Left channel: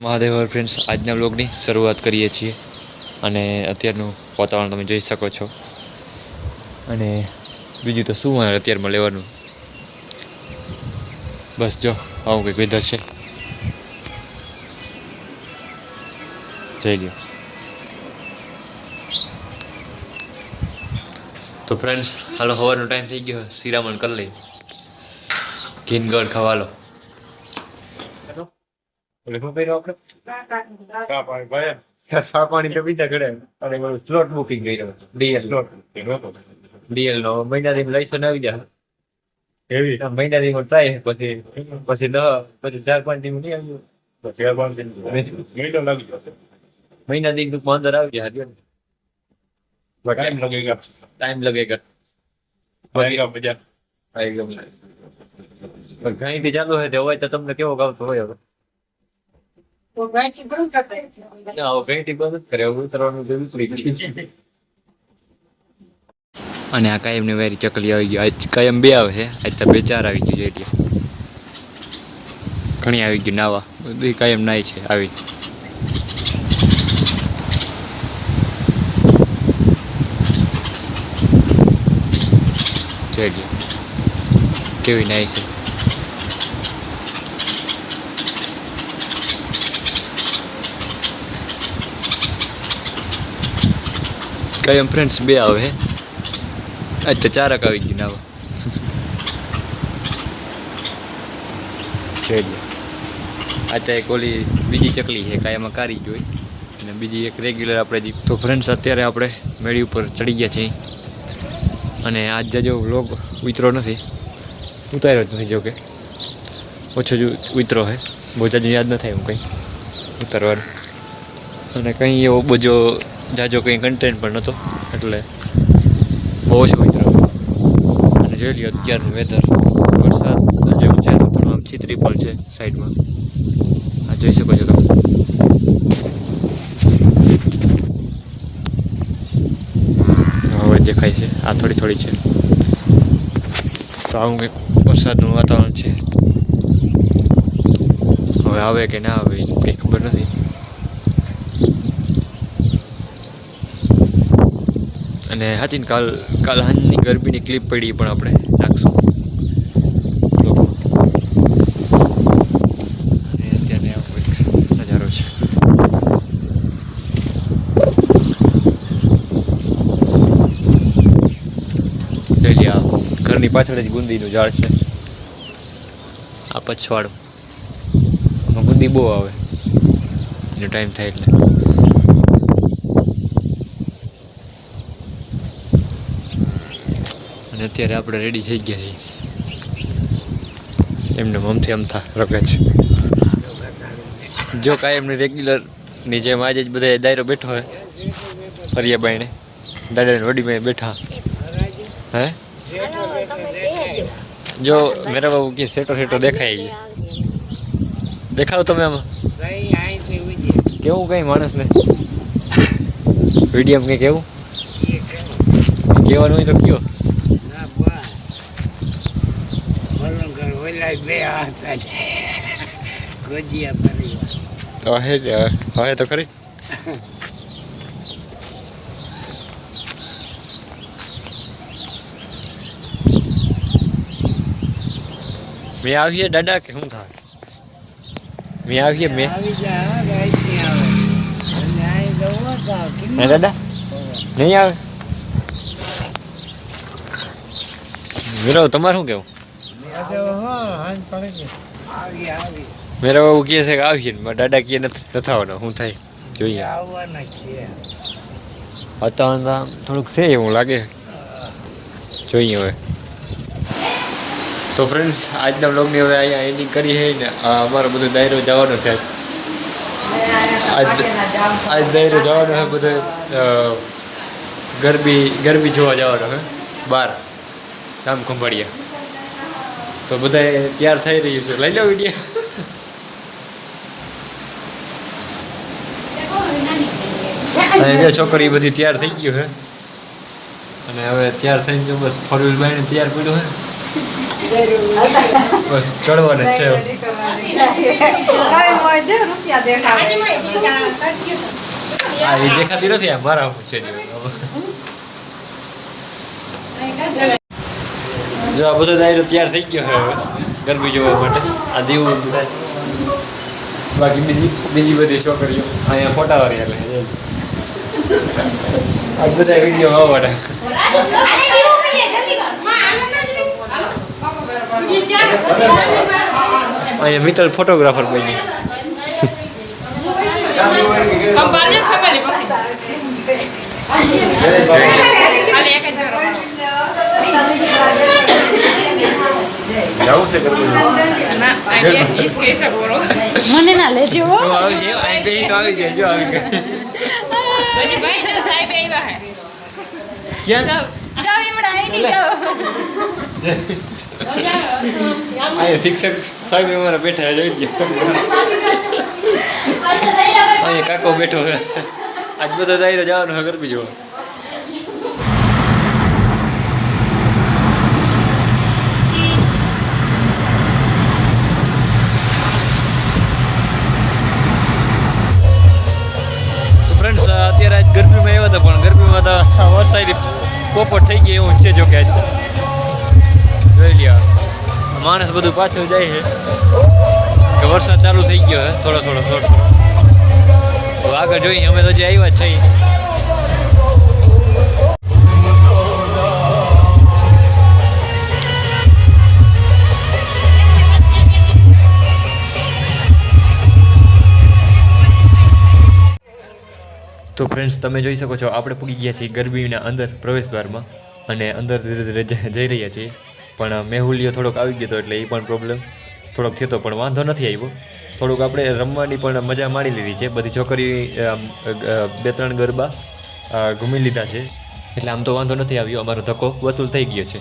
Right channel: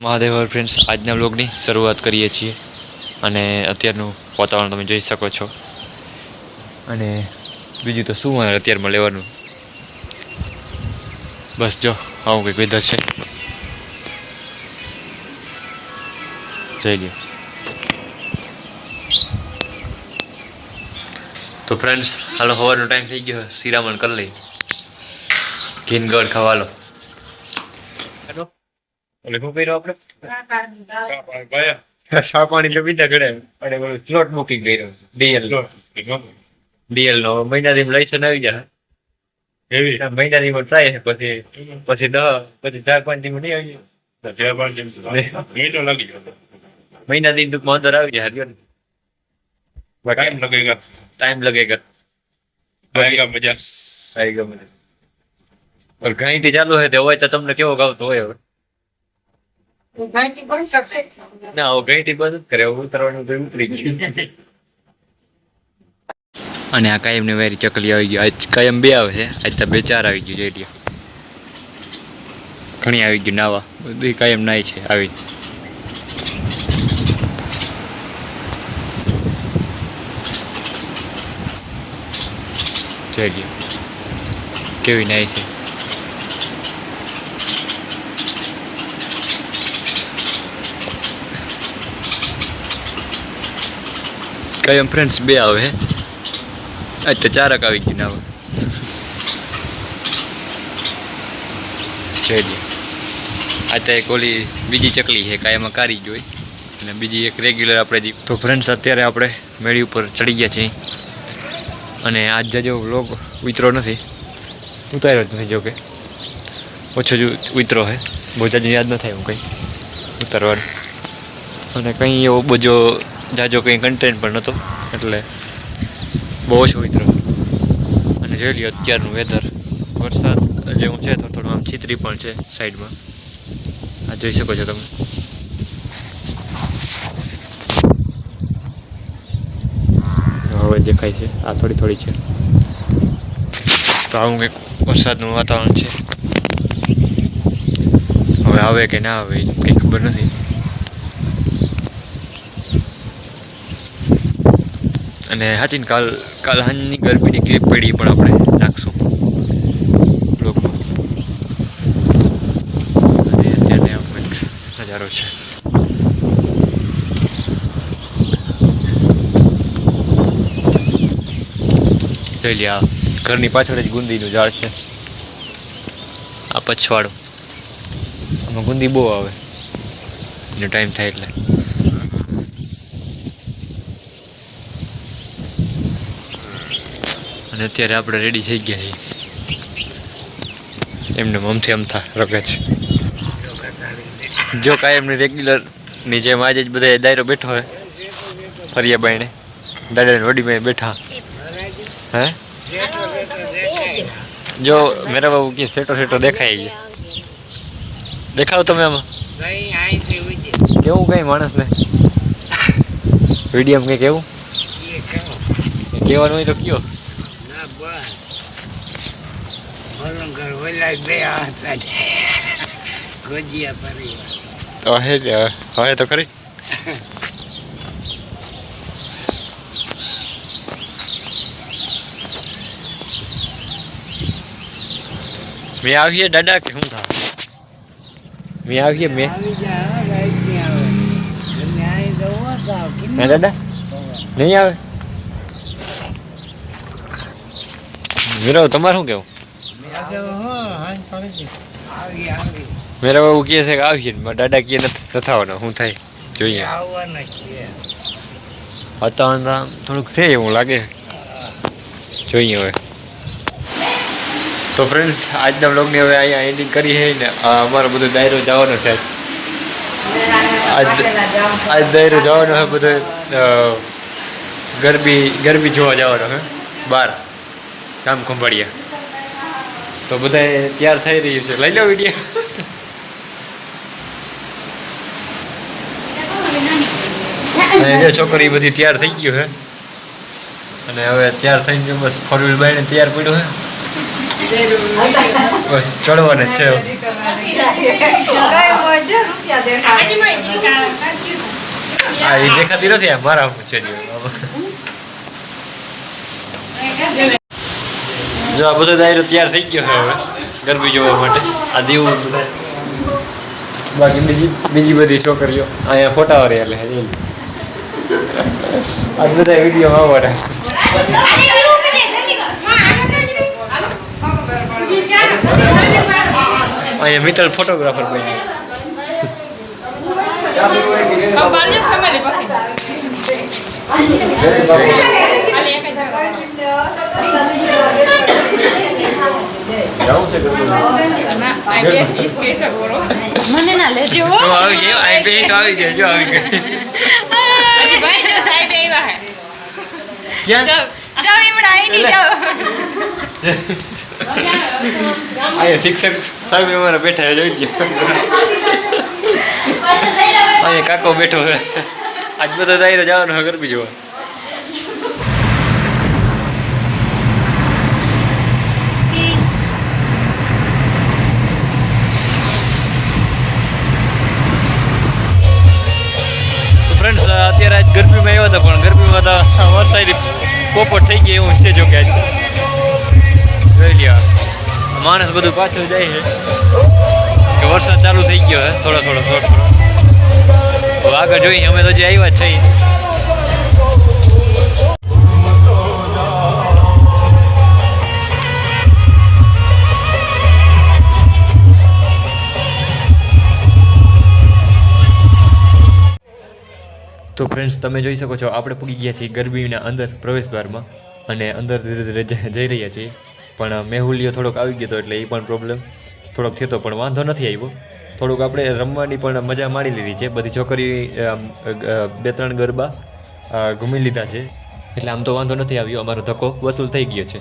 Mahadev friends, આજના બ્લોગની શરૂઆત કરીએ છીએ અને અત્યારનું વાતાવરણ તમે જોઈ શકો છો. અને બીજું તો શું મારે અત્યારમાં લેવાનું? બસ જો, આવું કંઈક વેધર છે. જોઈ લ્યો. તો ફ્રેન્ડ્સ હાલો સવારનો ટાઈમ થઈ ગયો. શ્રીરામણ કરી લઈ ઘીનગઢ ખવાલો લખો કર્યો આપણે ચા પાણી ભાઈ ચા પાણી તો પીતા ઘડે અને બોલું સ્લોટ બુકિંગ કર્યો ડીએલ ડીએલ નો મહિના થી લઈ છે આવી જાય એવી મહિના થી ટ્રાય પછી પછી દહ પછી ચાર પાંચ ટીમ નહીં આવી ચાર પાંચ ટીમ મહિનો લાગી જાય મહિના થી ટૂંકમાં અંદર આવી જાય હરિયો ટાઈમ લગેગા ટાઈમ લગેગા આએગા મજા આએગા મજા ઘણી થી ચાલુ હોય તો હોય તો તમને કેવો ગાવતો હોય હવે ના હવે બંધ જ કરે. ઉતરવાનું તો ઉતરી ગયું. અને આ કાયમની વેરી ચકલી આવી ગઈ. આજ કાયમ બે આવે છે. આજ તો બે ચાર આવી ગયું જોઈ ઘણી આવી ગયું નાવા. બધી કાયમ નાય છે આવી. જોઈ કેવી નાય છે? કાયમ ફ્રેન્ડ્સ બે આવે, હે? આજ તો ચારક આવી ગયું નાવા જોઈ આ તો એક ઓલી બીજી ચકલી છે કાયમાં કારી જોઈ અને બીજી એક રેગ્યુલર આપણે જી તો ફ્રેન્ડ્સ અત્યારે આપણે મેળી ઉપર ચડી ગયા છીએ. અને આજ જજો વ્લોગ ઉતરો નથી. ઉતાર્યો જ નથી જોકે ઓછો જ ઉતરો છે બહુ જાજી યાદ ન થાય હું કંઈ. ઉતારવાનું. અને કંઈ એવો બધો જાજો કંઈ કન્ટેન્ટ પણ નહોતો, એટલે બહુ ઓછો મિત્રો. અને જોઈ લ્યો અત્યારનું વેધર વરસાદ જેવું છે તો થોડું આમ છિત્રી પણ છે સાઈડમાં. આ જોઈ શકો છો તમે. હવે દેખાય છે, આ થોડી થોડી છે. તો આવું કંઈક વરસાદનું વાતાવરણ છે. હવે આવે કે ના આવે કંઈ ખબર નથી. અને હાચીને કાલ કાલ હાંજની ગરમીની ક્લિપ પડી પણ આપણે નાખશું નજારો છે. જોઈ ઘરની પાછળ જ ગુંદીનું ઝાડ છે. આ પછવાડું. આમાં ગુંદી બહુ આવે. ટાઈમ થાય એટલે. અને અત્યારે આપણે રેડી થઈ ગયા છીએ. એમને મમથી અમથા રગે છે. જો કાંઈ એમને રેગ્યુલરની જેમ આજે જ બધા દાયરો બેઠો હોય ફરિયા બાઈને દાદા વડી બાઈ બેઠા. હે? જો મેરા બાબુ કે સેટો સેટો દેખાય છે. દેખાવ તમે આમાં. કેવું કઈ માણસને? વીડિયો કઈ કેવું? કહેવાનું હોય તો કયો. તો હે જ હવે તો ખરી મેં આવીએ દાદા કે શું થા મેં આવીએ મેં હે દાદા નહીં આવે મીરા તમારે શું કેવું મેરા બાબુ કહે છે કે આવશે ને દાદા કહે નથી આવવાના, શું થાય? જોઈએ. વાતાવરણ થોડુંક છે એવું લાગે. જોઈએ હવે. તો ફ્રેન્ડ્સ આજના બ્લોગની હવે અહીંયા એન્ડિંગ કરી છે ને અમારો બધો દાયરો જવાનો છે આજ. આજ દાયરો જવાનો છે બધો ગરબી ગરબી જોવા જવાનો હવે બાર, ગામ ખંભાળિયા. તો બધા તૈયાર થઈ રહ્યું છે. લઈ લો વીડિયો જે છોકરી બધી તૈયાર થઈ ગયું છે અને હવે તૈયાર થઈ ગયું બસ ફોર વ્હીલ બાઈને તૈયાર પડ્યું છે બસ ચડવાને છે. આ એ દેખાતી નથી મારા છે. જે જો આ બધો દાયરો તૈયાર થઈ ગયો છે હવે ગરબી જોવા માટે. આ દીવું બધા. બાકી બીજી બીજી બધી છોકરીઓ. અહીંયા ફોટા વળી એટલે એમ. આ બધા વીડિયો આવવાના અહીંયા મિત્તલ ફોટોગ્રાફર બન્યો. જવું છે ગરબી મને ના લેજો. તો આવી તો ગયા જો આવી ગઈ. ભાઈ જો સાહેબ હે. ક્યાં? શિક્ષક સાહેબ અમારા બેઠા છે, જોઈ લ્યો. અહીંયા કાકો બેઠો છે. આજ બધો જાય તો જવાનું ગરબી જોવા. અત્યારે આજ ગરમીમાં આવ્યા હતા, પણ ગરમીમાં તો વરસાદી પોપટ થઈ ગઈ એવું છે જો કે આજ. જોઈ લ્યો માણસ બધું પાછળ જાય છે. વરસાદ ચાલુ થઈ ગયો છે, થોડો થોડો થોડો થોડો. આગળ જોઈએ, અમે તો જે આવ્યા જ છીએ. તો ફ્રેન્ડ્સ તમે જોઈ શકો છો, આપણે પૂગી ગયા છીએ ગરબીના અંદર પ્રવેશદ્વારમાં અને અંદર ધીરે ધીરે જઈ રહ્યા છીએ. પણ મેહુલિયો થોડોક આવી ગયો હતો એટલે એ પણ પ્રોબ્લેમ થોડોક થયો પણ વાંધો નથી આવ્યો. થોડુંક આપણે રમવાની પણ મજા માણી લીધી છે. બધી છોકરી બે ત્રણ ગરબા ઘૂમી લીધા છે. એટલે આમ તો વાંધો નથી આવ્યો. અમારો ધક્કો વસૂલ થઈ ગયો છે.